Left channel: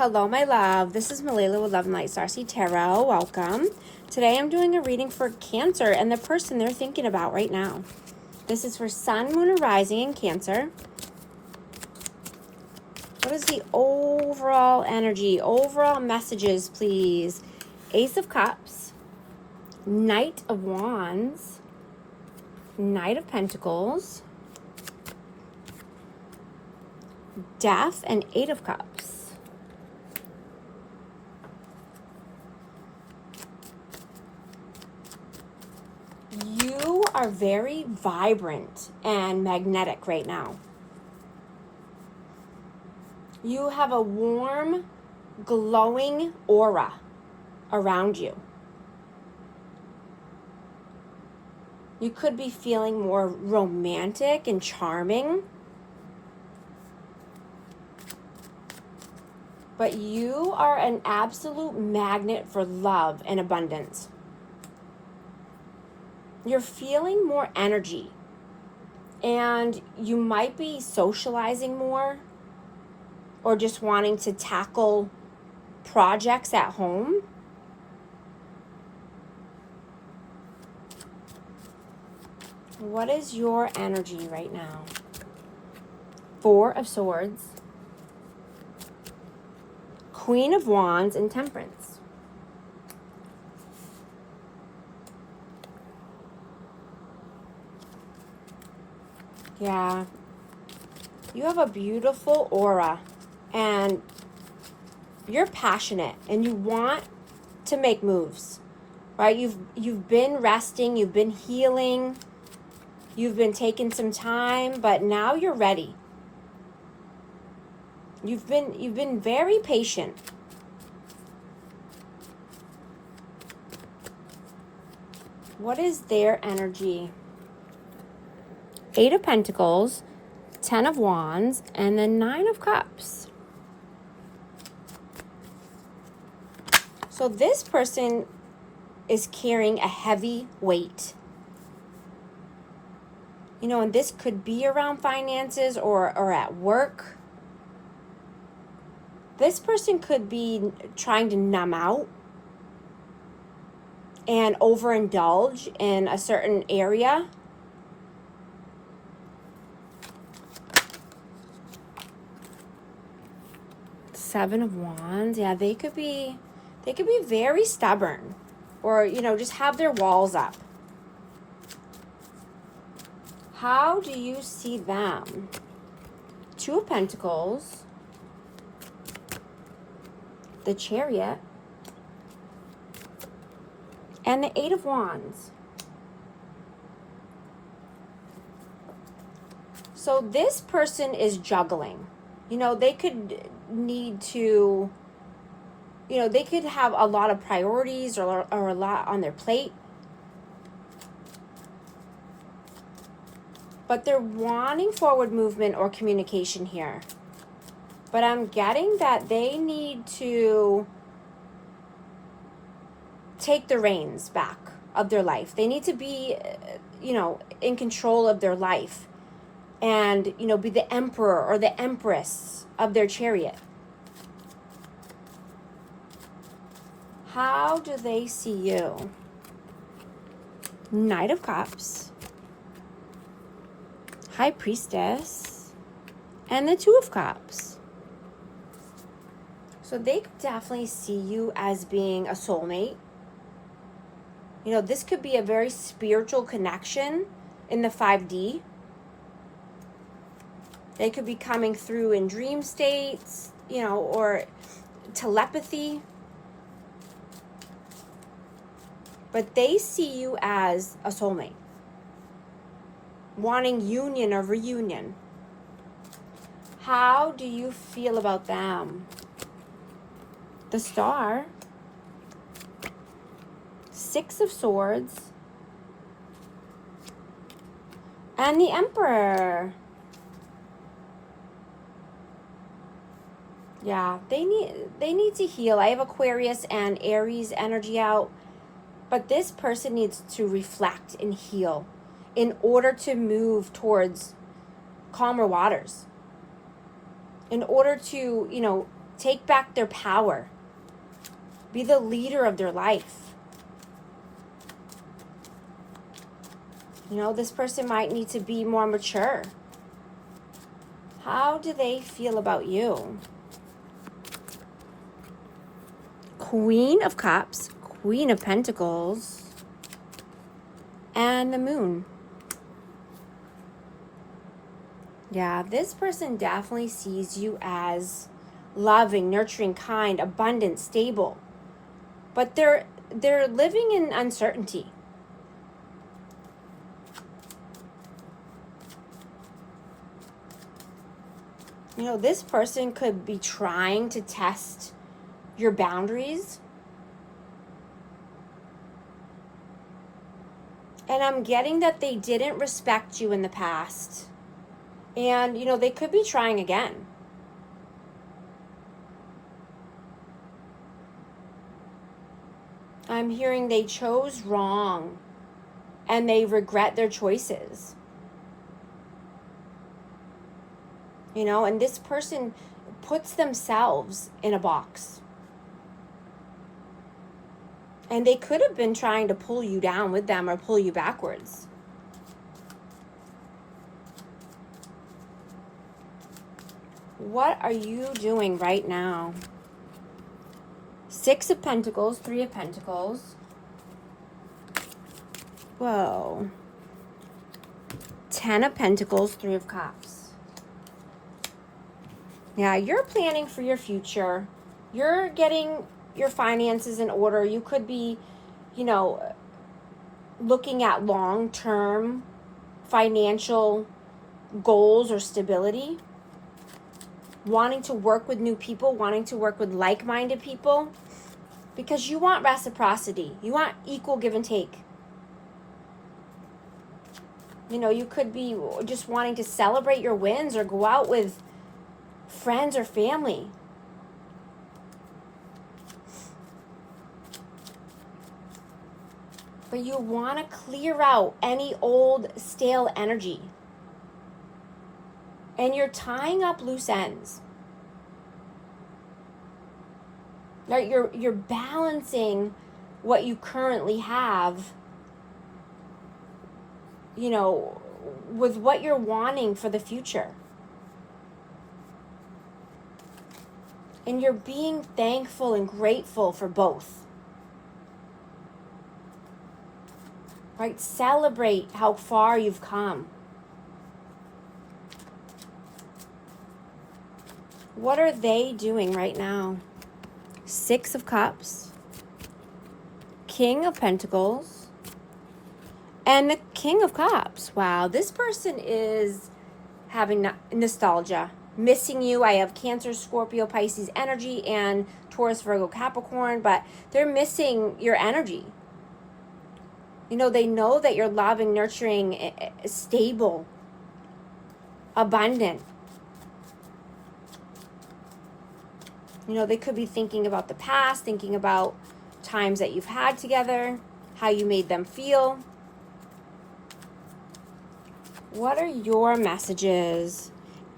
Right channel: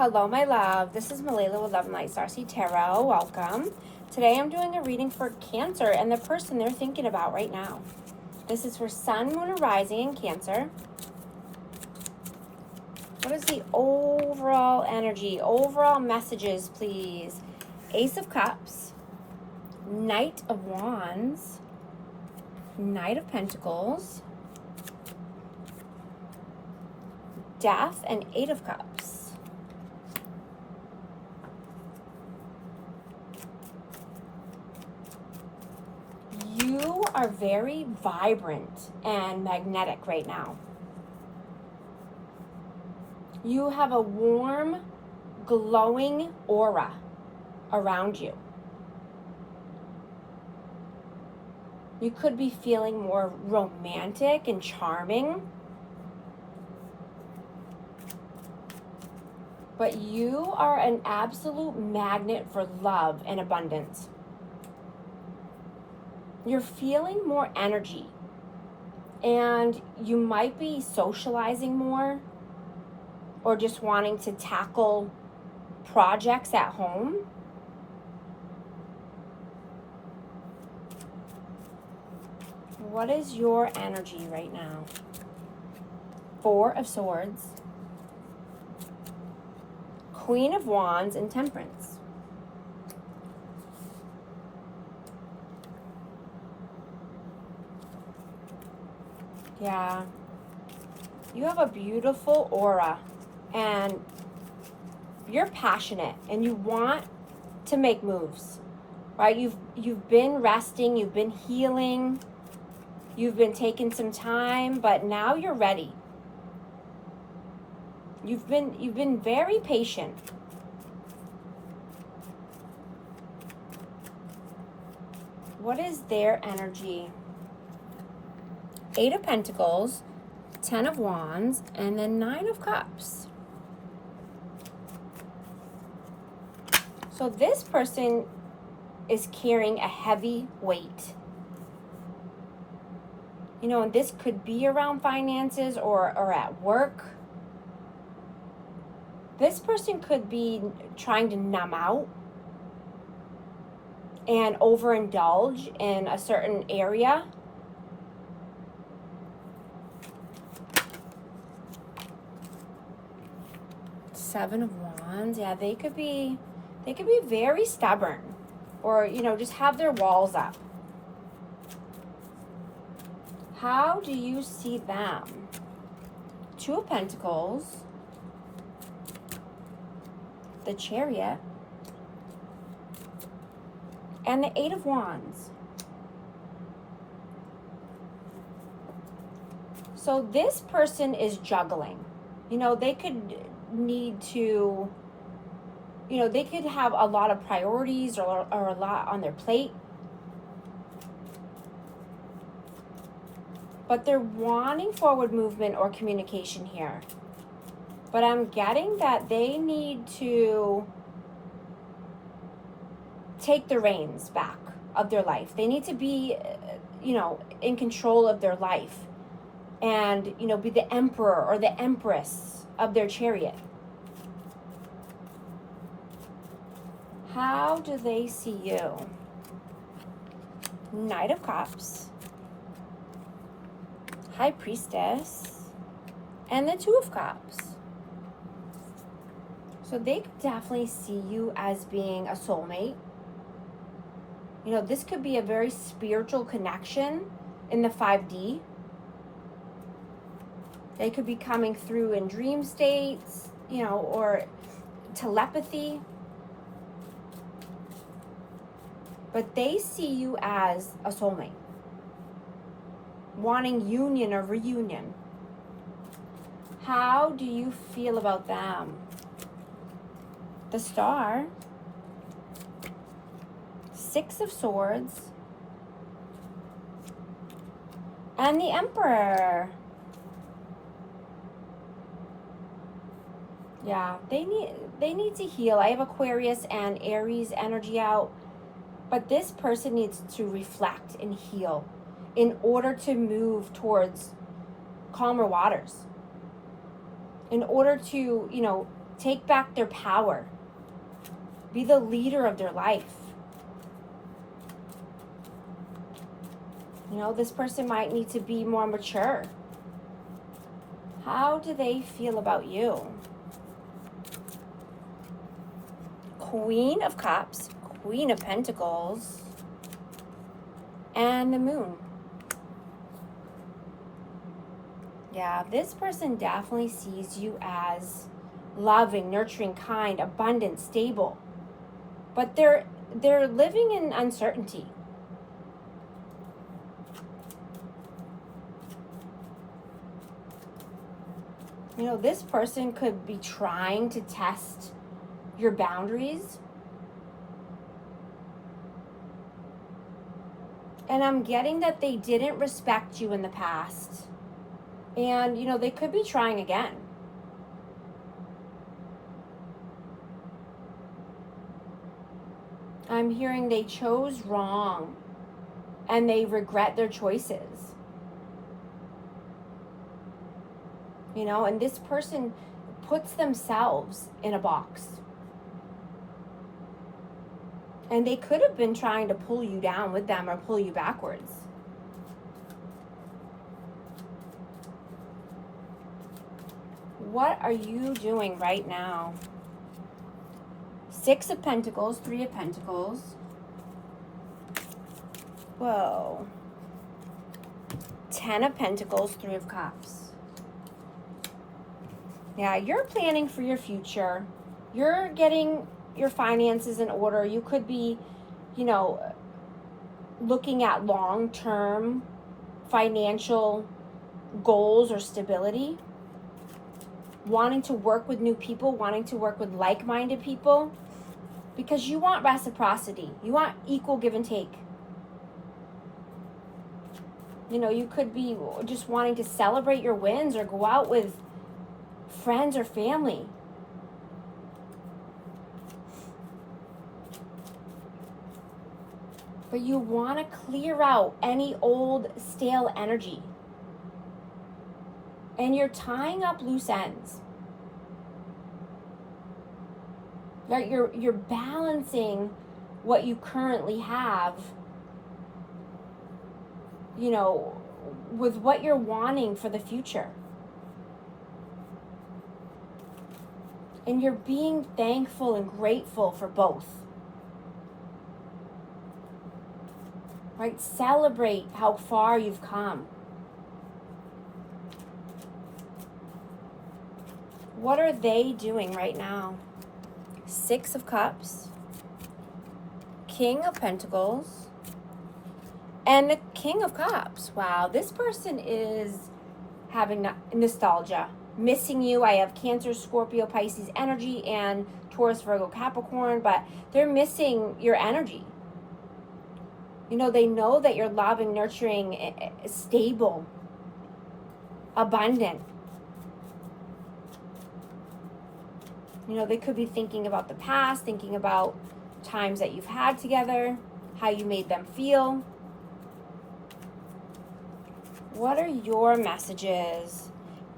Hello, my love. This is Malala with Love and Light Starseed Tarot. Welcome. Today I'm doing a reading for Cancer and the person they're thinking about right now. This is for Sun, Moon, and Rising in Cancer. What is the overall energy, overall messages, please? Ace of Cups, Knight of Wands, Knight of Pentacles, Death, and Eight of Cups. You are very vibrant and magnetic right now. You have a warm, glowing aura around you. You could be feeling more romantic and charming. But you are an absolute magnet for love and abundance. You're feeling more energy, and you might be socializing more or just wanting to tackle projects at home. What is your energy right now? Four of Swords, Queen of Wands, and Temperance. Yeah, you have a beautiful aura and you're passionate and you want to make moves, right? You've been resting, you've been healing, you've been taking some time, but now you're ready. You've been very patient. What is their energy? Eight of Pentacles, Ten of Wands, and then Nine of Cups. So this person is carrying a heavy weight. You know, and this could be around finances or at work. This person could be trying to numb out and overindulge in a certain area. Seven of Wands. Yeah, they could be very stubborn, or you know, just have their walls up. How do you see them? Two of Pentacles, the Chariot, and the Eight of Wands. So this person is juggling. You know, they could need to, you know, they could have a lot of priorities or a lot on their plate. But they're wanting forward movement or communication here. But I'm getting that they need to take the reins back of their life. They need to be, you know, in control of their life. And, you know, be the emperor or the empress of their chariot. How do they see you? Knight of Cups, High Priestess, and the Two of Cups. So they could definitely see you as being a soulmate. You know, this could be a very spiritual connection in the 5D. They could be coming through in dream states, you know, or telepathy. But they see you as a soulmate, wanting union or reunion. How do you feel about them? The Star, Six of Swords, and the Emperor. Yeah, they need to heal. I have Aquarius and Aries energy out, but this person needs to reflect and heal in order to move towards calmer waters. In order to, you know, take back their power, be the leader of their life. You know, this person might need to be more mature. How do they feel about you? Queen of Cups, Queen of Pentacles, and the Moon. Yeah, this person definitely sees you as loving, nurturing, kind, abundant, stable. But they're living in uncertainty. You know, this person could be trying to test your boundaries. And I'm getting that they didn't respect you in the past. And, you know, they could be trying again. I'm hearing they chose wrong and they regret their choices. You know, and this person puts themselves in a box. And they could have been trying to pull you down with them or pull you backwards. What are you doing right now? 6 of Pentacles, 3 of Pentacles. Whoa. 10 of Pentacles, 3 of Cups. Yeah, you're planning for your future. You're getting your finances in order. You could be, you know, looking at long-term financial goals or stability. Wanting to work with new people, wanting to work with like-minded people. Because you want reciprocity. You want equal give and take. You know, you could be just wanting to celebrate your wins or go out with friends or family. But you want to clear out any old stale energy. And you're tying up loose ends. Right? You're balancing what you currently have, you know, with what you're wanting for the future. And you're being thankful and grateful for both. Right? Celebrate how far you've come. What are they doing right now? 6 of Cups, King of Pentacles, and the King of Cups. Wow, this person is having nostalgia. Missing you. I have Cancer, Scorpio, Pisces energy, and Taurus, Virgo, Capricorn, but they're missing your energy. You know, they know that you're loving, nurturing, stable, abundant. You know, they could be thinking about the past, thinking about times that you've had together, how you made them feel. What are your messages?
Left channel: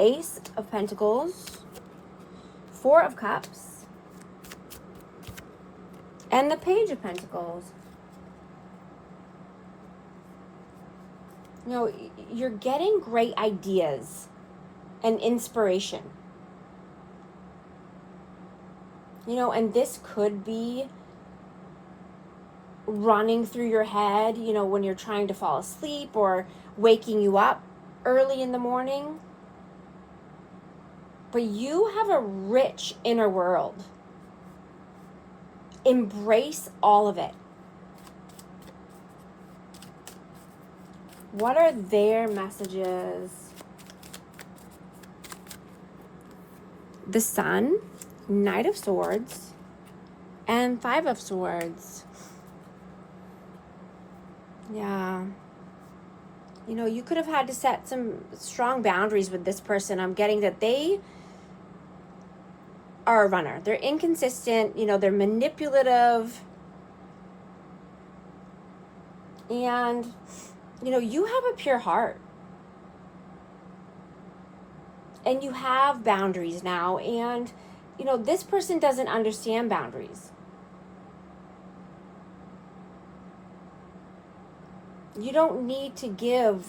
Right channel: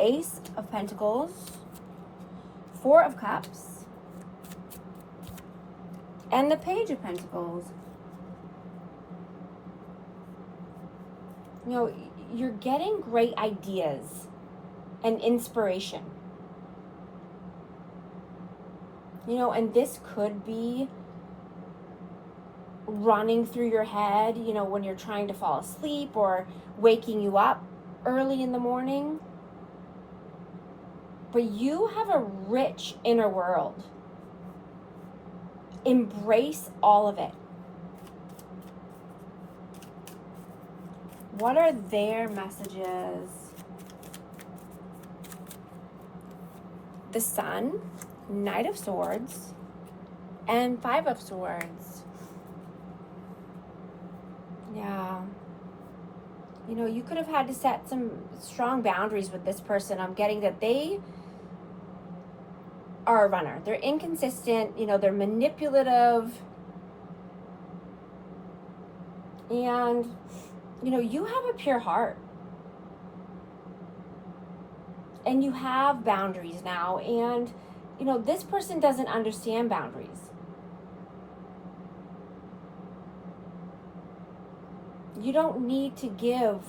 Ace of Pentacles, 4 of Cups, and the Page of Pentacles. You know, you're getting great ideas and inspiration. You know, and this could be running through your head, you know, when you're trying to fall asleep or waking you up early in the morning. But you have a rich inner world. Embrace all of it. What are their messages? The Sun, Knight of Swords, and 5 of Swords. Yeah. You know, you could have had to set some strong boundaries with this person. I'm getting that they are a runner. They're inconsistent, you know, they're manipulative. And, you know, you have a pure heart. And you have boundaries now. And this person doesn't understand boundaries. You don't need to give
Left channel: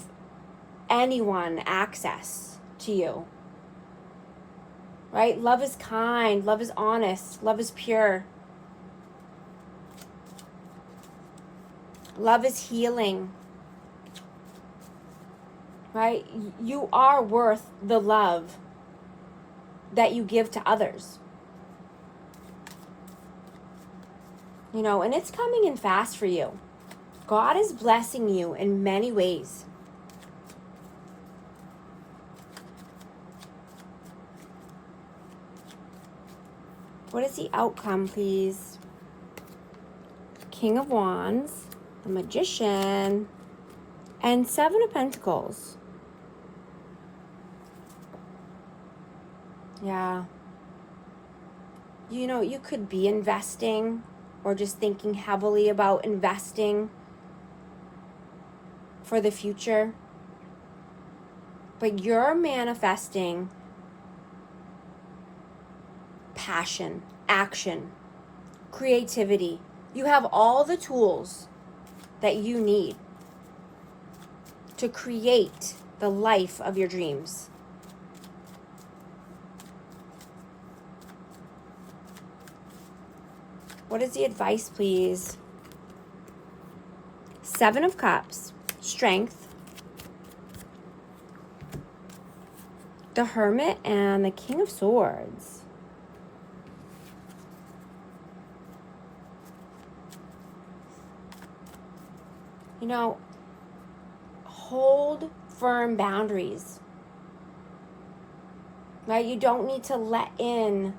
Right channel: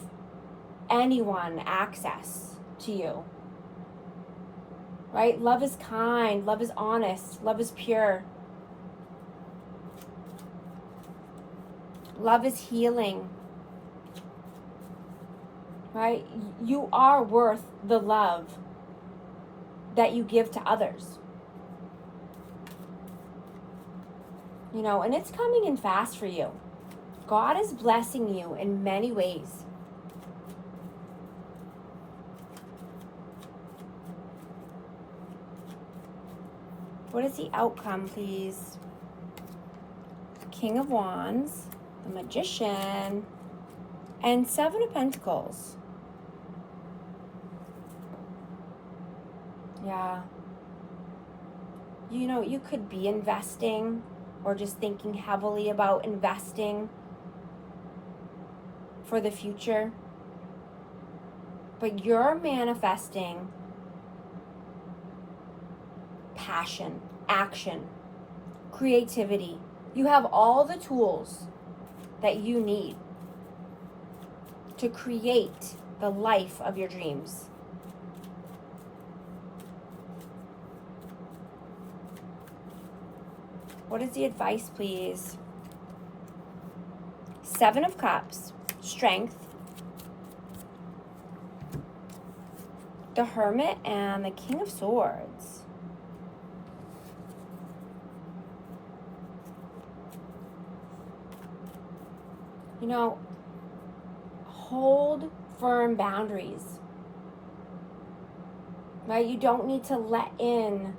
anyone access to you. Right? Love is kind, love is honest, love is pure. Love is healing. Right? You are worth the love that you give to others. And it's coming in fast for you. God is blessing you in many ways. What is the outcome, please? King of Wands, the Magician, and Seven of Pentacles. Yeah. You could be investing or just thinking heavily about investing for the future. But you're manifesting passion, action, creativity. You have all the tools that you need to create the life of your dreams. What is the advice, please? Seven of Cups, Strength, the Hermit, and the King of Swords. Hold firm boundaries. Right? You don't need to let in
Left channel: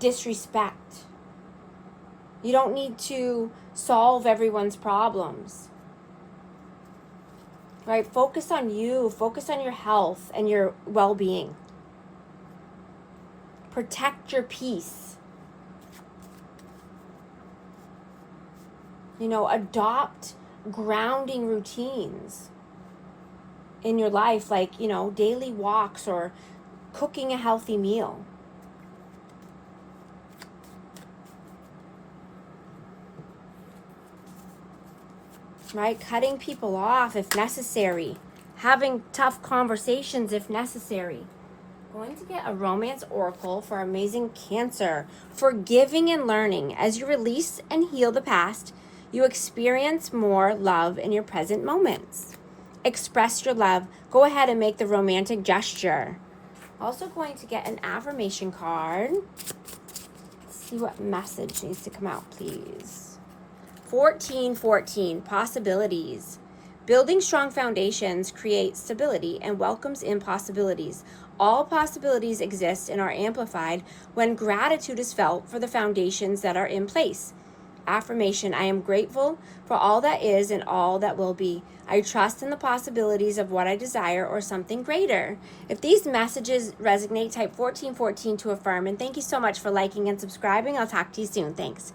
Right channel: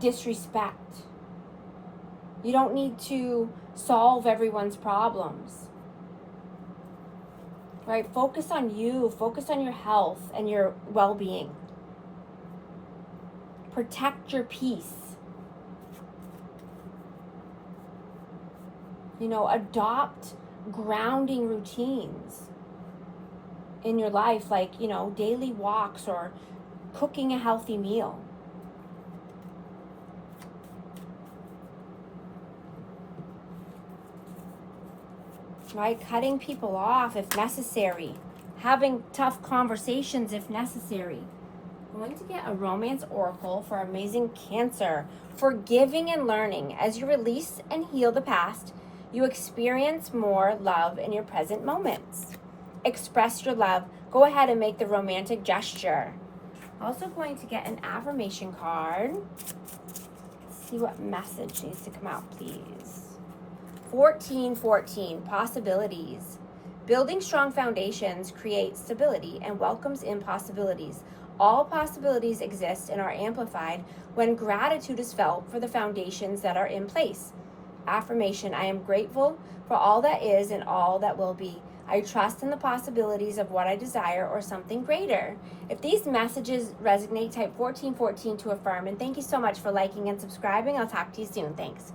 disrespect. You don't need to solve everyone's problems. Right? Focus on you. Focus on your health and your well-being. Protect your peace. Adopt grounding routines in your life, like, daily walks or cooking a healthy meal. Right? Cutting people off if necessary. Having tough conversations if necessary. Going to get a romance oracle for amazing Cancer. Forgiving and learning. As you release and heal the past, you experience more love in your present moments. Express your love. Go ahead and make the romantic gesture. Also going to get an affirmation card. Let's see what message needs to come out, please. 1414, possibilities. Building strong foundations creates stability and welcomes in possibilities. All possibilities exist and are amplified when gratitude is felt for the foundations that are in place. Affirmation, I am grateful for all that is and all that will be. I trust in the possibilities of what I desire or something greater. If these messages resonate, type 1414 to affirm. And thank you so much for liking and subscribing. I'll talk to you soon. Thanks.